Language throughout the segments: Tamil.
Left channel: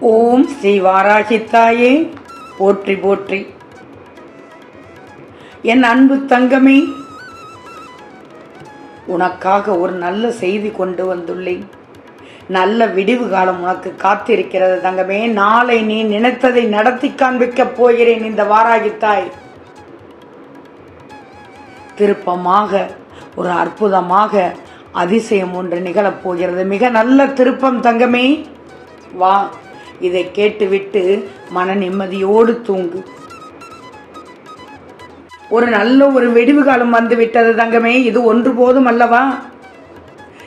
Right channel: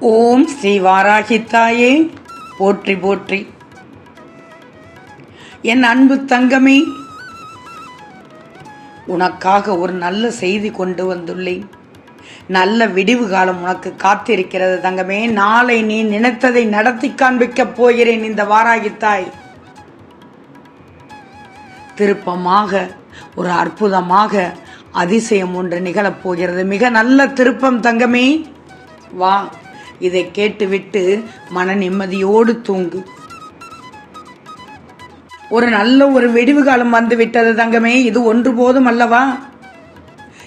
ஓம் ஸ்ரீ வாராகி தாயே போற்றி போற்றி. என் அன்பு தங்கமே உனக்காக ஒரு நல்ல செய்தி கொண்டு வந்துள்ளேன். நல்ல விடிவு காலம் உனக்கு காத்திருக்கிறது தங்கமே. நாளை நீ நினைத்ததை நடத்தி காண்பிக்கப் போகிறேன் இந்த வாராகித்தாய். திருப்பமாக ஒரு அற்புதமாக அதிசயம் ஒன்று நிகழப் போகிறது. மிக நல்ல திருப்பம் தங்கமே. வா. இதை கேட்டுவிட்டு மன நிம்மதியோடு தூங்கு. ஒரு நல்ல ஒரு வெடிவு காலம் வந்து விட்டது தங்கமே இது ஒன்று போதும் அல்லவா?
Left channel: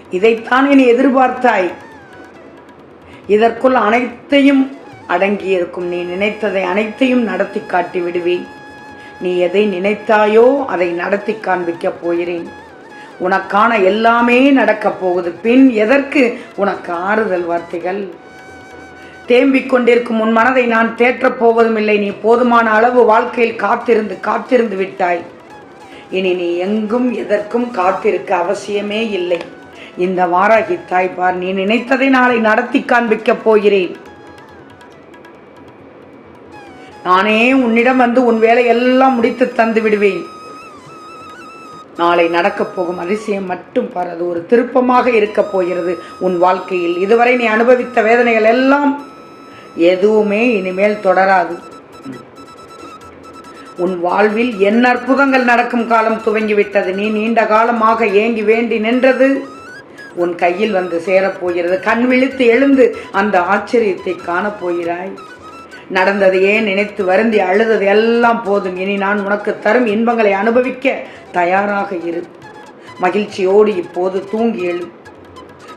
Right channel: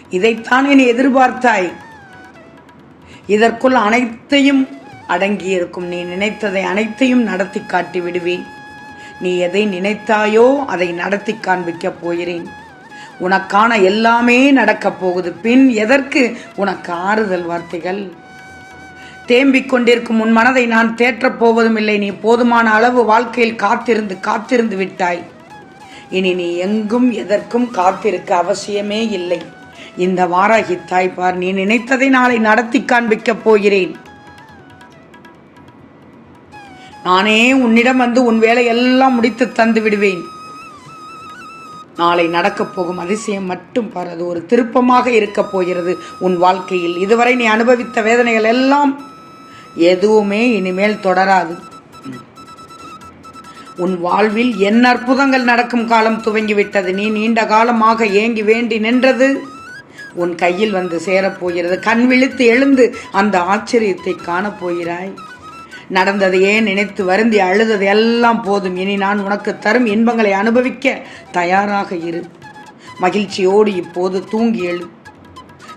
இதைத்தான் நீ எதிர்பார்த்தாய். இதற்குள் அனைத்தையும் அடங்கியிருக்கும். நீ நினைத்ததை அனைத்தையும் நடத்தி காட்டி விடுவேன். நீ எதை நினைத்தாயோ அதை நடத்தி காண்பிக்கப் போகிறேன். உனக்கான எல்லாமே நடக்கப் போகுது. பின் எதற்கு உனக்கு ஆறுதல் வார்த்தைகள்? தேம்பிக் கொண்டிருக்கும் உன் மனதை நான் தேற்றப் போவதும் இல்லை. நீ போதுமான அளவு வாழ்க்கையில் காத்திருந்து காத்திருந்து விட்டாய். இனி நீ எங்கும் எதற்கும் காத்திருக்க அவசியமே இல்லை. இந்த வாராகி தாய்ப்பார் நீ நினைத்ததை நாளை நடத்தி காண்பிக்கப் போகிறேன். நானே உன்னிடம் வந்து உன் வேலையெல்லாம் முடித்து தந்து விடுவேன். நாளை நடக்கப் போகும் அதிசயம் மட்டும் பார் அது ஒரு திருப்பமாக இருக்கப் போகிறது. உன் வாழ்க்கையில் இதுவரை நீ அனுபவித்த வேதனைகள் எல்லாம் எதுவுமே இனிமேல் தொடராது. உன் வாழ்வில் என்ன அற்புதங்கள் நடக்கும் காலம் துவங்கிவிட்டது. நீ நீண்ட காலமாக ஏங்கி வேண்டி நின்றது. உன் கையில் வந்து சேரப்போகிறது. கண் விழித்து எழுந்து அந்த ஆச்சரியத்தை காணப் போகிறாய் நடந்ததையே நினைத்து வருந்தி அழுதது எல்லாம் போதும். இனி நான் உனக்கு தரும் இன்பங்களை அனுபவிக்க தயாராக இரு. மகிழ்ச்சியோடு இப்போது தூங்கி எழு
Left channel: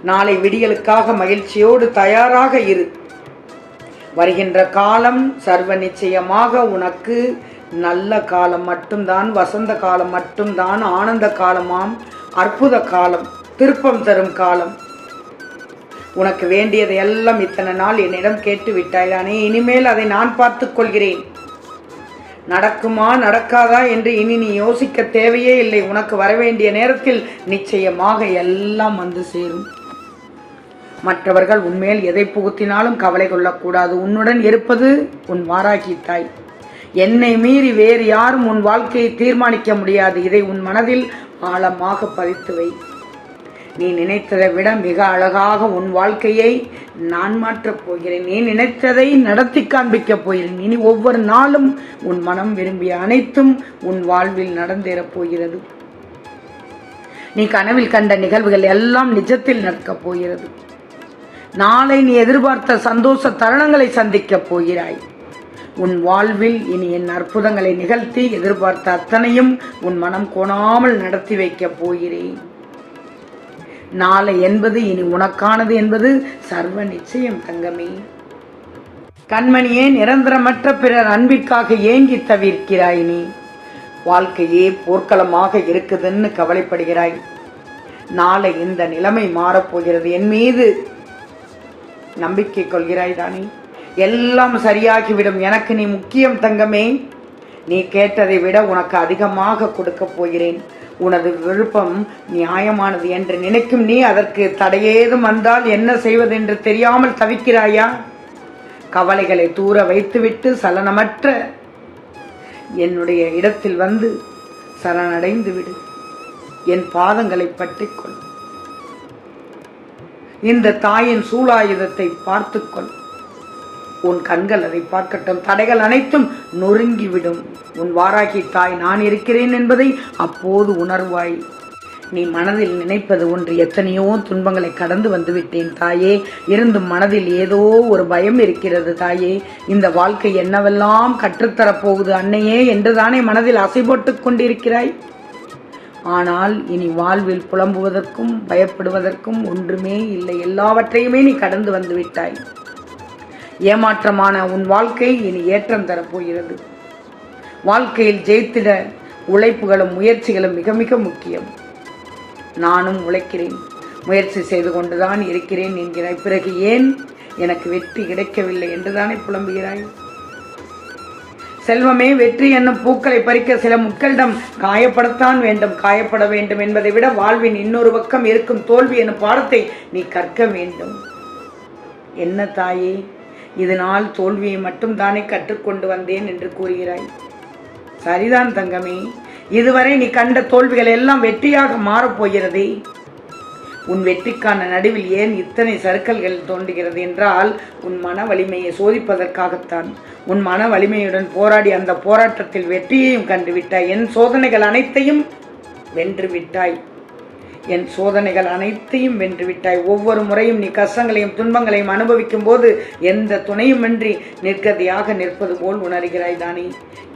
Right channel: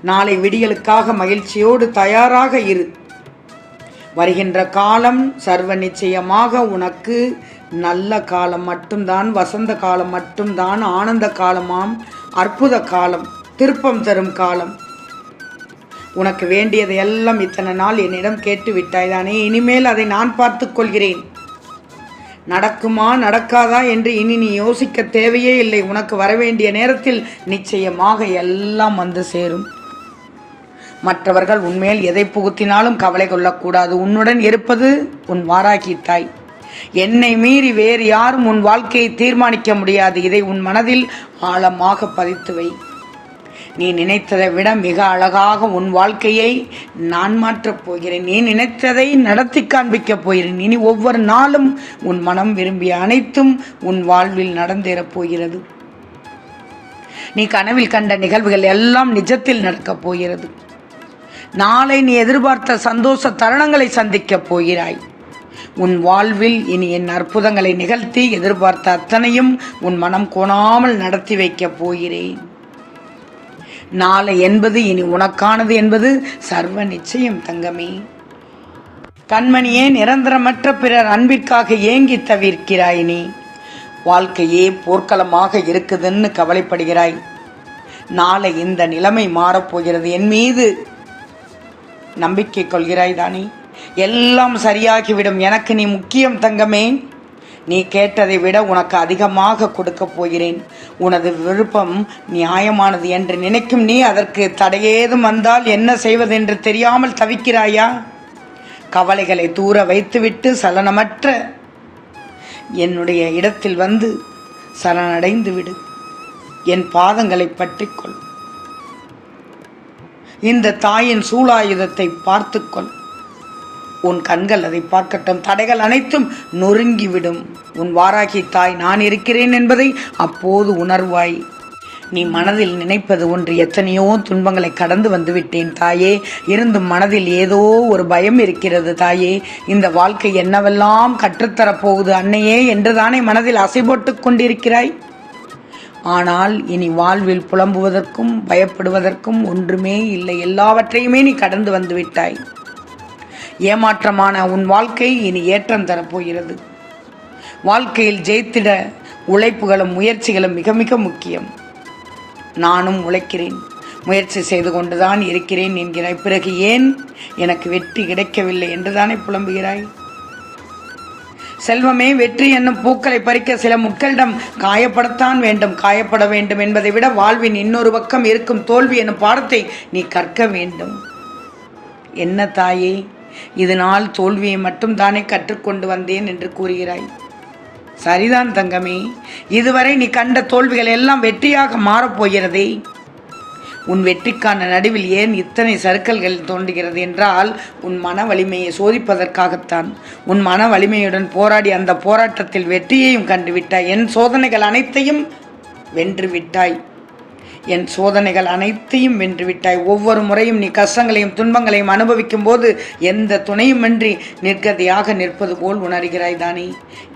நாளை விடியலுக்காக மகிழ்ச்சியோடு தயாராக இரு. வருகின்ற காலம் சர்வ நிச்சயமாக உனக்கு நல்ல காலம் மட்டும்தான் வசந்த காலம் மட்டும்தான் ஆனந்த காலமாம் அற்புத காலம் திருப்பம் தரும் காலம். உனக்கு வேண்டியதை எல்லாம் இத்தனை நாள் என்னிடம் கேட்டு விட்டாய்தானே இனிமேல் அதை நான் பார்த்து கொள்கிறேன். நடக்குமா நடக்காதா என்று இனி நீ யோசிக்க தேவையே இல்லை. உனக்கு வரவேண்டிய நேரத்தில் நிச்சயமாக எல்லாம் வந்து சேரும். மற்றவர்கள் உன்மேல் எதை புகுத்தினாலும் கவலை கொள்ளக்கூடாது. உன்னுடன் இருப்பது உன் வாராகி தாய். என்னை மீறி வேறு யாரும் உன் வாழ்க்கையை தீர்மானிக்க முடியாது. இதை உன் மனதில் ஆழமாக பதித்து வை. நீ நினைத்ததை விட மிக அழகாக உன் வாழ்க்கையை நான் மாற்றப் போகிறேன். நீ நினைத்ததை நடத்தி காண்பிக்கப் போகிறேன். இனி ஒவ்வொரு நாளும் உன் மனம் விரும்பிய அனைத்தும் உன் வாழ்வில் நடந்தேறப் போகிறது. நீ கனவில் கண்ட நிகழ்வுகள் எல்லாம் நிஜத்தில் நடக்கப் போகிறது. நாளை நீ எதிர்பார்த்த சந்தோஷ தருணங்களை சந்திக்கப் போகிறாய். உன் வாழ்வில் இனி என் அற்புதங்களை நிகழ்த்தி எதிர்பார்த்த அத்தனையும் உன் மனம் கோணாமல் நடத்தி வைக்கப் போகிறேன். நாளை என்பது இனி உனக்கானது என்பது சர்வ நிச்சயம் தங்கமே. கண்மணியே நிரந்தரமற்ற பிறர் அன்பிற்காக ஏங்கி தவிர்க்கிறாய் நீ. வாழ்க்கையே போர்க்களமாக இருக்குதுன்னு கவலைப்படுகிறாய். நாளை இந்த நிலைமை மாறப்போகிறது என் மீது நம்பிக்கை கொள்கிறாய் தானே எல்லாம் சரியாகிவிடும். எனக்கு நீ முக்கியம் தங்கமே. நீ கேட்டதை விட உனக்கு அதிகமாக கொடுக்கப் போகிறேன். உனது விருப்பம் நியாயமானது என்று நினைக்கும் நீ அதற்கு தடையேதும் வந்தால் என்ன செய்வதென்று தெரியாமல் தவிக்கிறாயா? கவலைகளை தூர வைத்துவிட்டு சலனமற்ற என்னுடைய இடத்தில் வந்து சரணடைந்து விடு என் பாதங்களை பற்றிக்கொள். இந்த தாயின் சூலாயுதத்தை பார்த்துக்கொள். உன் கண்கள் அதை பார்க்கட்டும். தடைகள் அனைத்தும் நொறுங்கிவிடும். உன் வாராகி தாய் நான் இருக்கிறேன் என்பதை அப்போது உணர்வாய். நீ மனதில் நினைப்பது ஒன்று. எத்தனையோ துன்பங்களை கடந்து வந்துவிட்டேன் தாயே. இருந்தும் மனதில் ஏதோ ஒரு பயம் இருக்கிறது தாயே. இந்த வாழ்க்கை என்னவெல்லாம் கற்றுத்தரப்போகுது அன்னையே என்றுதானே மனதில் அசை போட்டுக் கொண்டிருக்கிறாய்? ஆனால் இனி வாழ்வில் புலம்புவதற்கும் பயப்படுவதற்கும் ஒன்றுமே இல்லை. எல்லாவற்றையுமே நீ கடந்து வந்து விட்டாய் ஏமாற்றமான உன் வாழ்க்கை இனி ஏற்றம் தரப்போகிறது. வாழ்க்கையில் ஜெயித்திட உழைப்புகளும் முயற்சிகளும் மிக மிக முக்கியம். நானும் உழைக்கிறேன். முயற்சி செய்து கொண்டுதான் இருக்கிறேன் என்கிறாய். பிறகு ஏன் எனக்கு வெற்றி கிடைக்கவில்லை என்றுதானே புலம்புகிறாய்? செல்வமே வெற்றி என்னும் பூக்களை பறிக்க சில முட்களிடம் காயப்படத்தான் வேண்டும். காயப்பட வேண்டும் என்பதை விட வாழ்வின் இன்னொரு பக்கம் இருக்கும் தோல்வி என்னும் பாடத்தை நீ கற்க வேண்டும். என்ன தாயே? இதனால் தோல்வியை மட்டும் தானே கற்றுக்கொண்டு வந்தேன் என்று கூறுகிறாய். சரிதான் தங்கமே. இதுவரை நீ கண்ட தோல்விகள் எல்லாம் வெற்றியாக மாறப்போகிறதே உன் வெற்றிக்கான நடுவில் ஏன் இத்தனை சறுக்கல்கள் தோன்றுகிறது என்றால் உன் மன வலிமையை சோதிப்பதற்காகத்தான். உன் மன வலிமையுடன் போராடி அந்த போராட்டத்தில் வெற்றியையும் கண்டுவிட்டாய். என் சோதனைகள் அனைத்தையும் வென்று விட்டாய் என் சோதனைகள் அனைத்தையும் வென்றுவிட்டாய். ஒவ்வொரு முறையும் நீ கஷ்டங்களையும் துன்பங்களையும் அனுபவிக்கும் போது எந்த துணையுமின்றி நிற்கதியாக நிற்பது போல் உணர்கிறாய் தானே.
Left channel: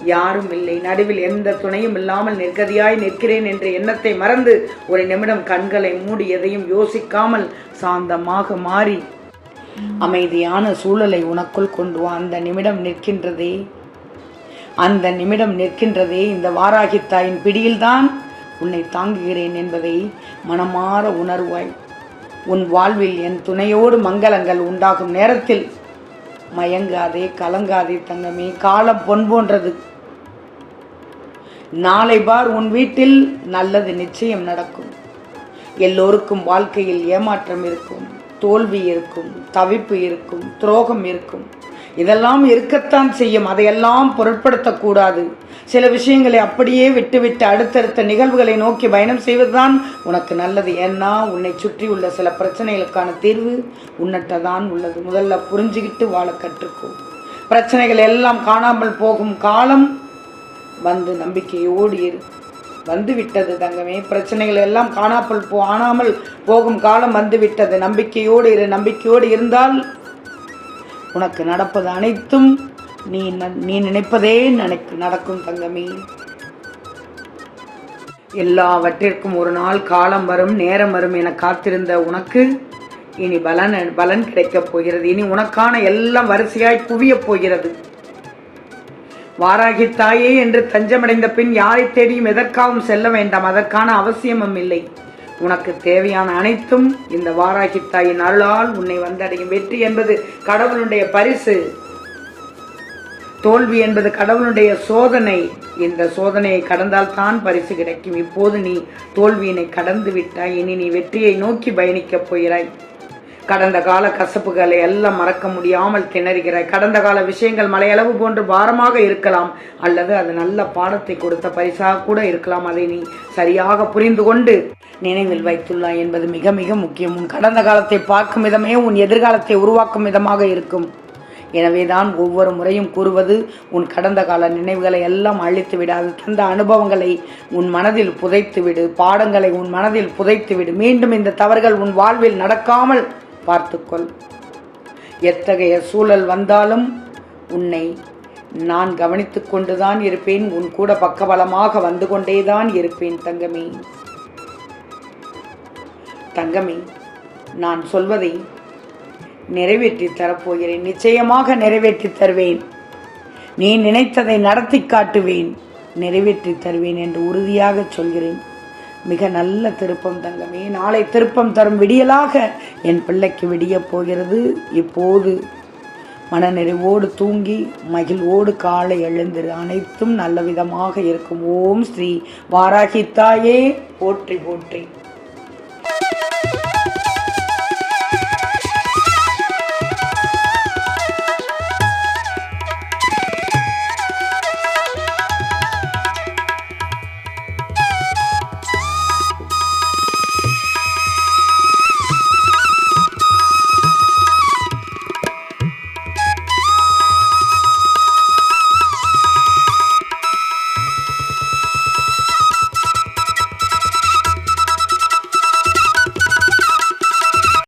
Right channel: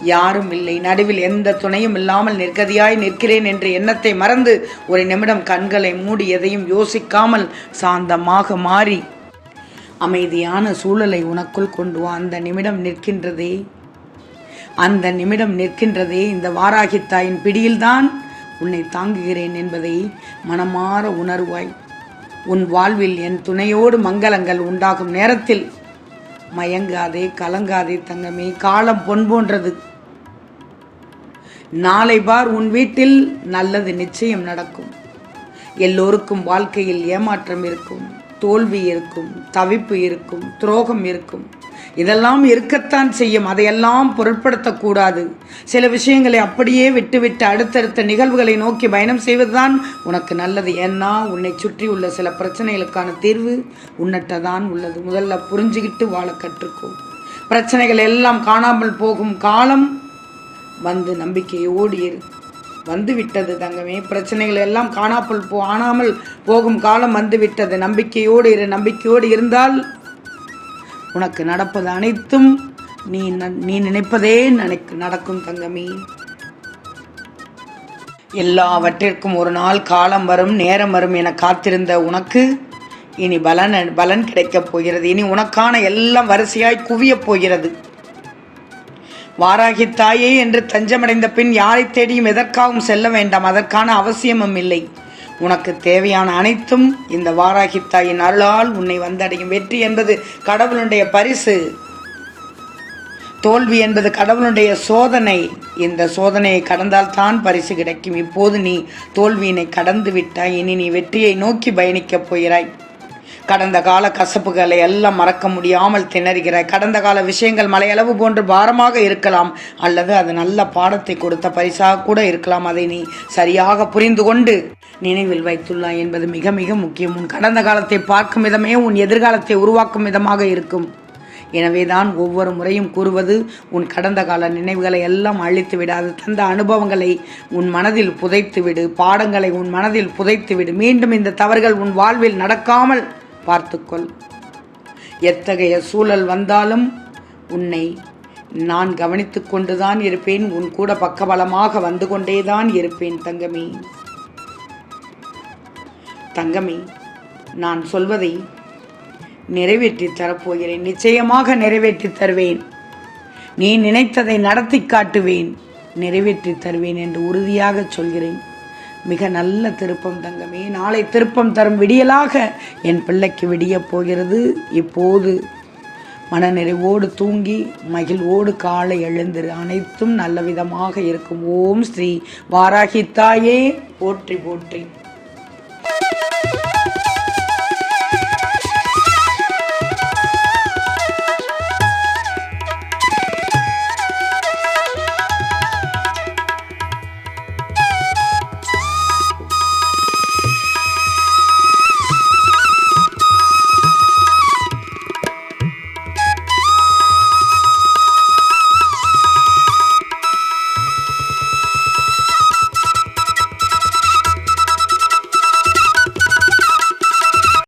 யாரும் இல்லை. நடுவில் எந்த துணையும் இல்லாமல் நிற்கதியாய் நிற்கிறேன் என்ற எண்ணத்தை மறந்து ஒரு நிமிடம் கண்களை மூடி எதையும் யோசிக்காமல் சாந்தமாக மாறி அமைதியான சூழலை உனக்குள் கொண்டு வா. அந்த நிமிடம் நிற்கின்றதே. அந்த நிமிடம் நிற்கின்றதே இந்த வாராகித்தாயின் பிடியில்தான் உன்னை தாங்குகிறேன் என்பதை மனமாற உணர்வாய். உன் வாழ்வில் என் துணையோடு மங்களங்கள் உண்டாகும் நேரத்தில் மயங்காதே கலங்காதே தங்கமே காலம் பொன் போன்றது. நாளை பார் உன் வீட்டில் நல்லது நிச்சயம் நடக்கும். எல்லோருக்கும் வாழ்க்கையில் ஏமாற்றம் இருக்கும் தோல்வி இருக்கும் தவிப்பு இருக்கும் துரோகம் இருக்கும். இதெல்லாம் இருக்கத்தான் செய்யும். அதையெல்லாம் பொருட்படுத்தக்கூடாது. சில விஷயங்களை அப்படியே விட்டுவிட்டு அடுத்தடுத்த நிகழ்வுகளை நோக்கி பயணம் செய்வதுதான் உனக்கு நல்லது. ஏன்னா உன்னை சுற்றி உள்ள சில பிரச்சனைகளுக்கான தீர்வு உன்னிட்ட தான் உள்ளது. முதல்ல புரிஞ்சுக்கிட்டு வாழ கற்றுக்கும் பிரச்சனைகள் எல்லாம் காணாமல் போகும் காலம் வந்து நம்பிக்கையோடு இரு. வந்து விட்டது தங்கமே. பிரச்சனைகள் எல்லாம் காணாமல் போ ஆனாமல் போகும் காலம் வந்து விட்டது நம்பிக்கையோடு இரு. நம்பிக்கையோடு இருந்தால் உனக்கு நடப்பது அனைத்தும் நீ ந- நீ நினைப்பதே நினைக்கு நடக்கும் தங்கமி. எல்லாவற்றிற்கும் ஒரு நாள் காலம் வரும் நேரம் வரும் என காத்திருந்த உனக்கு இனி பலன் பலன் கிடைக்கப் போகிறது. இனி உனக்கான எல்லாம் வரிசையாய் குவியப் போகிறது. வாராகி தாயே என்று தஞ்சமடைந்த பின் யாரை தேடியும் எதற்காகவும் செல்ல வேண்டாம். அதற்கான அவசியமும் இல்லை. உனக்கு தேவையான அனைத்தும் இந்த வாராகி தாயின் அருளால் உன்னை வந்தடையும். வெற்றி என்பது கடவுளுடைய பரிசு. தோல்வி என்பது கடவுளுடைய சோதனை. இந்த சோதனையை கடந்தால் தான் பரிசு கிடைக்கும். இப்போது நீ தோல்வியினை கடந்து விட்டாய். இனி நீ வெற்றியை நோக்கி பயணிக்கப் போகிறாய். கடந்த கால கசப்புகளை எல்லாம் மறக்க முடியாமல் திணறுகிறாய் கடந்த கால விஷயங்கள் மலையளவு போன்று பாரமாக இருக்கலாம் அல்லது அது நல்ல பாடத்தை கொடுத்த பரிசாக கூட இருக்கலாம். அதை நீ சரியாக புரிந்து கொண்டு நினைவில் வைத்துள்ளாய் என்பது மிக மிக முக்கியம். உன் கடந்த காலத்தை பார்க்கும் விதமே உன் எதிர்காலத்தை உருவாக்கும் விதமாக இருக்கும். எனவேதான் ஒவ்வொரு முறையும் கூறுவது உன் கடந்த கால நினைவுகளை எல்லாம் அழித்து விடாது. தந்த அனுபவங்களை உன் மனதில் புதைத்து விடு. பாடங்களை உன் மனதில் புதைத்து விடு. மீண்டும் இந்த தவறுகள் உன் வாழ்வில் நடக்காமல் பார்த்துக்கொள். எத்தகைய சூழல் வந்தாலும் உன்னை நான் கவனித்துக் கொண்டுதான் இருப்பேன். உன் கூட பக்கபலமாக வந்து கொண்டேதான் இருப்பேன் தங்கமே. தங்கமே நான் சொல்வதை நிறைவேற்றி தரப்போகிறேன். நிச்சயமாக நிறைவேற்றி தருவேன். நீ நினைத்ததை நடத்தி காட்டுவேன். நிறைவேற்றி தருவேன் என்று உறுதியாக சொல்கிறேன். மிக நல்ல திருப்பம் தங்கமே. நாளை திருப்பம் தரும் விடியலாக என் பிள்ளைக்கு விடியப் போகிறது. இப்போது மனநிறைவோடு தூங்கி மகிழ்வோடு காலை எழுந்திரு. அனைத்தும் நல்ல விதமாக இருக்கும். ஓம் ஸ்ரீ வாராகி தாயே. போற்றி போற்றி.